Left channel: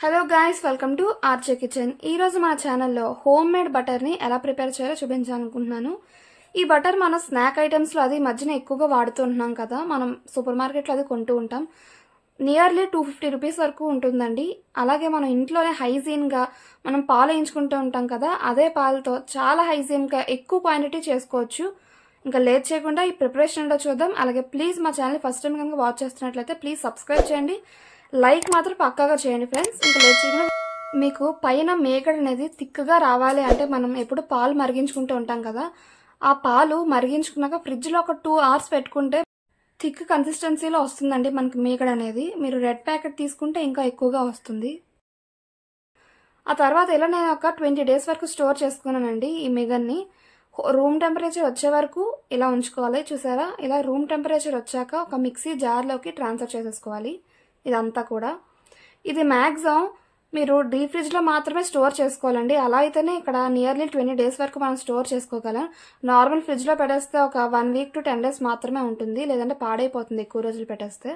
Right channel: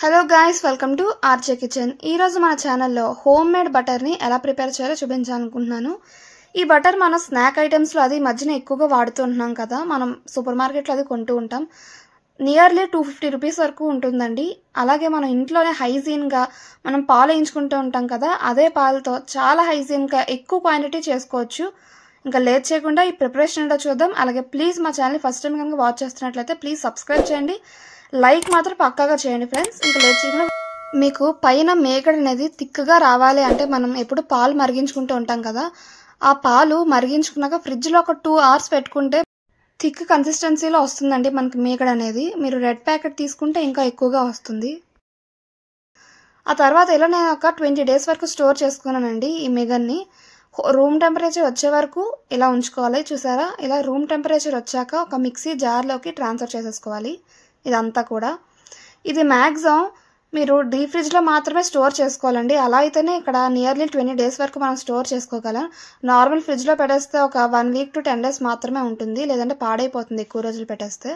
Hello guys, welcome to RJ kitchen. ఈరోజు మన ఛానల్లో హోమ్ మేడ్ బటర్ని ఎలా ప్రిపేర్ చేయాలో చూపించాలనుకుంటున్నాను. ఈ బటర్ మనం స్నాక్ ఐటమ్స్లో అది మధ్యన ఎక్కువగా వాడుతూ ఉంటున్నాం కదా, మనం సూపర్ మార్కెట్లో అది కొంటూ ఉంటాం. నియర్లీ 250 రూపీస్ వరకు ఉంటుందండి. అలాగే మనం ఇంట్లోనే హైజీన్గా మనం పాలు వేయించుకుంటూ ఉంటాం కదా, అదే పాలతో చాలా హైజీన్గా ఎక్కువ క్వాంటిటీ చేసుకోవచ్చు. ఇంకా లేట్ చేయకుండా ఈ ప్రిపరేషన్ ఏంటో చూద్దాం. అలాగే ప్లీజ్ మా ఛానల్ ఫస్ట్ టైం కనుక వాచ్ చేస్తున్నట్లయితే ప్లీజ్ సబ్స్క్రైబ్ చేయండి, లైక్ మాత్రం పక్కాగా చేయండి ఫ్రెండ్స్. ఇంకా లేట్ చేయకుండా మీకు పైన మేగడ అనేది థిక్గా రావాలి అంటే మనం ఎప్పుడు పాలు మరిగించుకుంటూ ఉంటాం కదా, ఆ పాలు మరిగించుకున్నాక ఫ్రిడ్జ్లో ఒక 2 hours పెట్టుకుంటే థిక్ కన్సిస్టెన్సీలో వస్తుందండి మనకి మేగడ అనేది. మీరు రెడ్ ప్యాకెట్ తీసుకుంటే ఇంకా ఎక్కువగా వస్తుంది. ఆ తర్వాత ఇలా నేను ఒక 20 days వరకు స్టోర్ చేసుకున్నానండి ఈ మేగడ్ని. రూమ్ టెంపరేచర్ వచ్చే వరకు ఇలా ఉంచుకోవాలి. చూసారా, ఇలా రూమ్ టెంపరేచర్ వచ్చాక ఒక మిక్సీ జార్లోకి ట్రాన్స్ఫర్ చేసేసుకోవాలి. ఇదంతా కూడా ఇది మ్యాక్సిమం మీరు డీప్ ఫ్రిడ్జ్లో మాత్రమే స్టోర్ చేసుకోవాలండి. అలా అయితేనే ఇక్కడ నియర్లీ 20 days వరకు మనం స్టోర్ చేసుకోగలం. నార్మల్ ఫ్రిడ్జ్లో పెట్టేస్తే ఒక 1 week to 10 days మాత్రమే ఉంటుంది, లేదంటే పాడైపోతుంది ఎక్కువ రోజులు పెట్టేస్తే.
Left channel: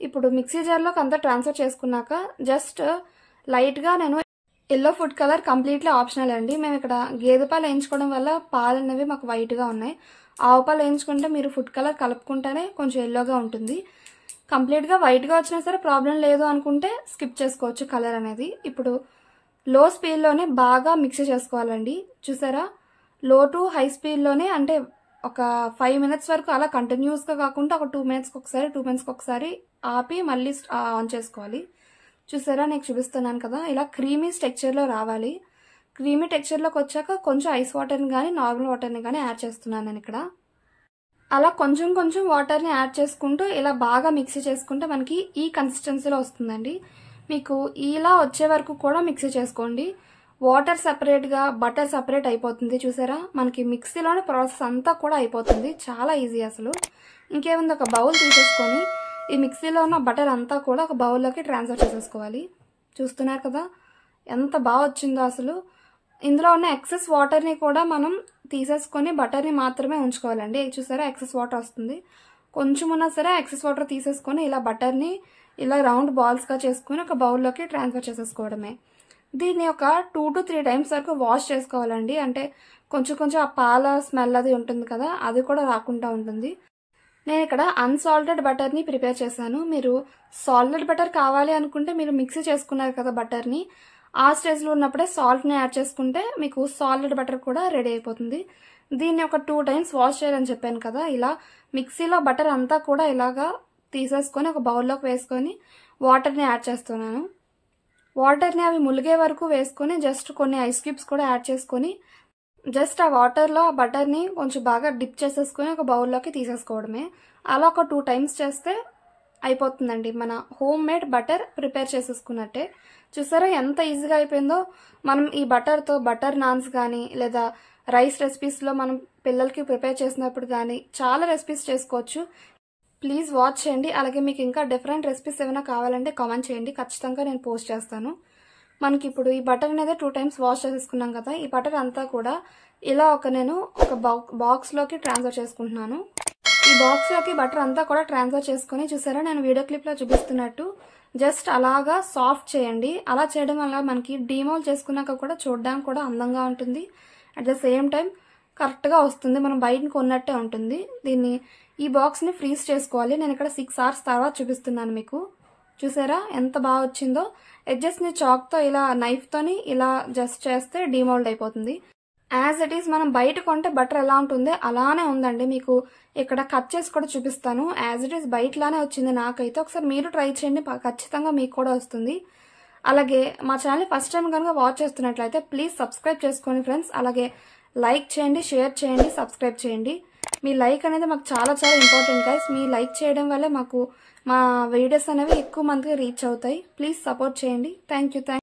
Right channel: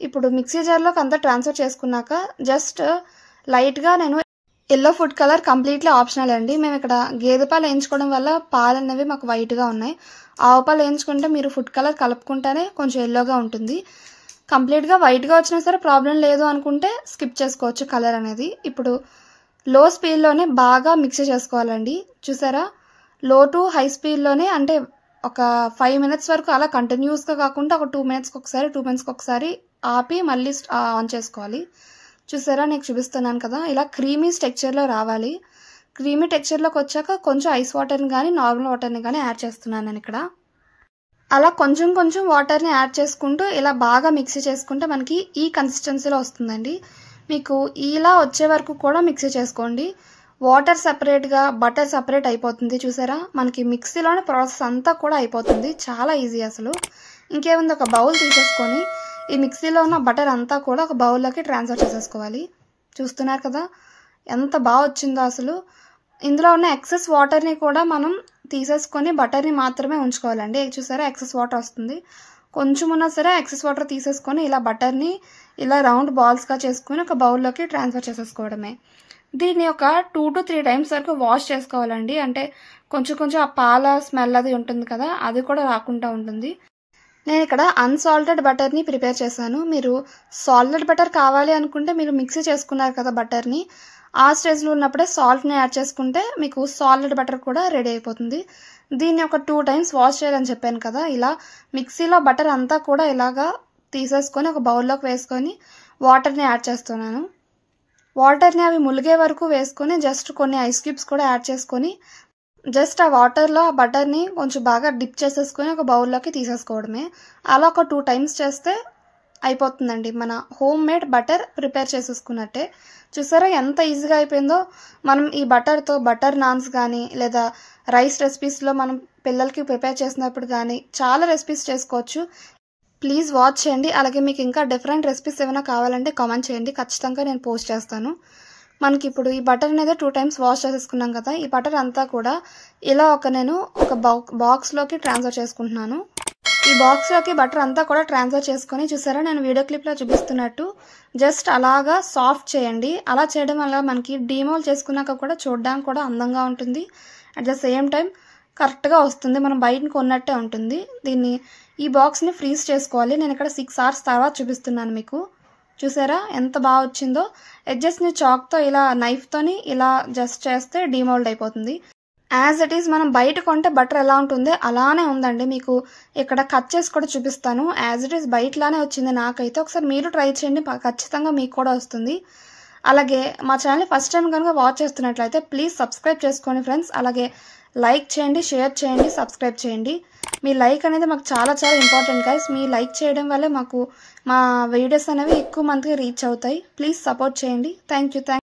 ఇప్పుడు మిక్సీ జార్లోకి అంతా ట్రాన్స్ఫర్ చేసుకున్నాక జస్ట్ లైట్గా నేను yellow food colour completely optional అండి. మేము ఇక్కడ గేదె పాలు వేయించుకోవడం వల్ల పాలు అనేవి మాకు వైట్గా ఉన్నాయి. ఆవు పాలు వేయించుకుంటే మీరు ఫుడ్ కలర్ కలుపుకుంటేనే కొంచెం ఎల్లోగా ఉంటుంది. కంప్లీట్గా వైట్గా వచ్చినా సరే ప్రాబ్లం లేదు అనుకుంటే స్కిప్ చేసుకోవచ్చు కలర్ అనేది. ఇప్పుడు లో స్పీడ్లోనే బాగా మిక్స్ చేసుకోవాలండి. చూసారా, లో టు హై స్పీడ్లోనే, అంటే ఒక 5 minutes వరకు అలా కంటిన్యూస్గా కాకుండా ఒక 2 minutesకి ఒకసారి 2 minutesకి ఒకసారి ఆపి మళ్ళీ ఆన్ చేసుకోవాలి. చూసారా, నేను చూపిస్తున్నాను కదా, ఇలా క్రీమీ టెక్స్చర్లో రావాలి. క్రీమీ టెక్స్చర్లోకి వచ్చాక కొంచెం ఐస్ వాటర్ని కానీ నార్మల్ వాటర్ని కానీ యాడ్ చేస్తున్నాను నేను ఇక్కడ. అలా కొంచెం కొంచెం వాటర్ని యాడ్ చేసుకుంటూ ఇలా బాగా మిక్సీ చేసుకుంటే మనకి ఈ కన్సిస్టెన్సీలో వస్తుందండి. మీకు ఇలా వచ్చే వరకు కూడా మిక్సీ చేసుకోండి. వాటర్ సపరేట్గా బటర్ సపరేట్ అయిపోతుంది. చూసారా, మనకి మిక్సీలోనే ప్రాసెస్ అంతా కూడా అయిపోతుంది. చాలా ఈజీ అసలు. ఇంకేముంది, ఒక బౌల్ తీసేసుకొని ఈ మిక్సీలో ఉన్న బటర్ అంతా కూడా ఒక బౌల్లోకి ట్రాన్స్ఫర్ చేసేసుకోవాలి. చూస్తున్నారు కదా ఎంత బాగా వచ్చిందో అసలు. ఇందులో ఉన్న ఎక్సెస్ వాటర్ని కూడా మనం తీసేసుకొని బటర్ని మాత్రమే ఉంచుకోవాలండి. చూసారా, ఎక్సెస్ వాటర్ వస్తుంది. కొంచెం ఉన్నా సరే ఎక్సెస్ వాటర్ తీసేసుకొని ఇలా బటర్ని ఇలా రౌండ్ బాల్స్గా చేసుకొని ఒక బౌల్లోకి ట్రాన్స్ఫర్ చేసేసుకోవడమే. దీన్ని ఒక 2 to 3 times వరకు వాష్ చేసుకోవాలండి. అంటే కొంచెం కొంచెం ఆ పాల స్మెల్ అది ఉంటుంది కదా, అది కూడా రాకుండా ఉంటుంది. నేను ఇక్కడ అన్సాల్టెడ్ బటర్ని ప్రిపేర్ చేశాను. మీరు సాల్టెడ్ బటర్ కావాలి అనుకుంటే మీరు మిక్సీ చేసుకున్నారు కదా బటర్ని, ఆ స్టేజ్లో ఉన్నప్పుడే సాల్ట్ని యాడ్ చేసుకుంటే మీకు సాల్టెడ్ బటర్ కూడా రెడీ అయిపోతుంది. దీన్ని ఒక 2 times వాష్ చేయాలని చెప్పాను కదా. ఇలా మిక్సీలో బటర్ అంతా కూడా ఇలాగా తీసేసుకొని ఒక బౌల్లోకి వేసుకొని వాటర్ని యాడ్ చేస్తున్నాను. వాటర్ని అవి ములిగే వరకు వేసుకొని జస్ట్ కొన్ని ఐస్ క్యూబ్స్ కూడా యాడ్ చేసుకొని జస్ట్ ఆ వాటర్లో ఆ బటర్ని కొంచెం బాగా డిప్ చేసేసుకొని ఒక బౌల్లోకి తీసేసుకోవడమే. అలా ఒక 2 times చేస్తే అయిపోతుందండి, మన హోమ్ మేడ్ బటర్ ప్రిపేర్ చేసేసుకున్నట్టే. చూసారా ఎంత ఈజీగా అయిపోయిందో. మనం ఈ బటర్తో బటర్ నాన్స్ కానీ లేదా రైస్ రెసిపీస్లో మనం పిల్లలకి ప్రిపేర్ చేసినప్పుడు కానీ చాలా రెసిపీస్ చేసుకోవచ్చు. ప్లీజ్ వాచ్ చేయండి. అలాగే మీకు ఇంకా డిఫరెంట్ రెసిపీస్ ఏమైనా కావాలంటే కామెంట్ చేయండి, ఖచ్చితంగా నేను పోస్ట్ చేస్తాను. మనకి ఇప్పుడు ఈ బటర్ అనేది 2 times వాష్ చేసేసుకున్నాం కదా, ఈ బటర్ అంతా కూడా ఇలా నేను ఒక బాక్స్లోకి ట్రాన్స్ఫర్ చేసుకుంటున్నాను. ఈ బాక్స్లోకి బటర్ అంతా కూడా ట్రాన్స్ఫర్ చేసుకొని చూసారా, నేను వీడియో క్లిప్లో చూపిస్తున్నట్టు జస్ట్ అలాగా సాఫ్ట్ చేయండి. అలా చేయడం వల్ల మనకి డీమోల్ చేసుకున్నాక కూడా చూడడానికి కూడా అందంగా ఉంటుంది. అట్ ద సేమ్ టైం కరెక్ట్గా వస్తుంది, మనం బయట కొన్నట్టే ఉంటుంది. దీన్ని ఈ బాక్స్ని ఫ్రీజ్ చేసుకోవాలి. నేను ఇక్కడ 6 hours తర్వాత చూపిస్తున్నాను మీకు. చూసారా ఎంత బాగా వచ్చిందో. ఎడ్జెస్ని చాక్తో ఇలా నైఫ్తోని ఇలా జస్ట్ చేస్తే డీమోల్డ్ అయిపోతుంది. యాజ్ ఇట్ ఈస్ మనం బయట కొంటే బటర్ ఎలా ఉంటుందో అలానే ఉందండి. మీకు ఇక్కడ కట్ చేసి కూడా చూపిస్తాను. యాజ్ ఇట్ ఈస్ బయటలానే వచ్చింది నాకైతే. ఒకసారి మీరు ట్రై చేయండి, ఖచ్చితంగా మీకు కూడా వస్తుంది. అలాగే మా ఛానల్ ఫస్ట్ టైం కనుక వాచ్ చేస్తున్నట్లయితే ప్లీజ్ సబ్స్క్రైబ్ చేసుకోండి ఫ్రెండ్స్. అలాగే లైక్ చేయండి, షేర్ చేయండి, సబ్స్క్రైబ్ చేయండి. మీ లైక్ అనేది మాకు చాలా చాలా ఇంపార్టెంట్ గైస్. మీ లైక్ చేయడం వల్లే మాకు మా వీడియోస్ అనేవి ఎక్కువ మందికి రీచ్ అవుతాయి. ప్లీజ్ సపోర్ట్ చేయండి. Thank you.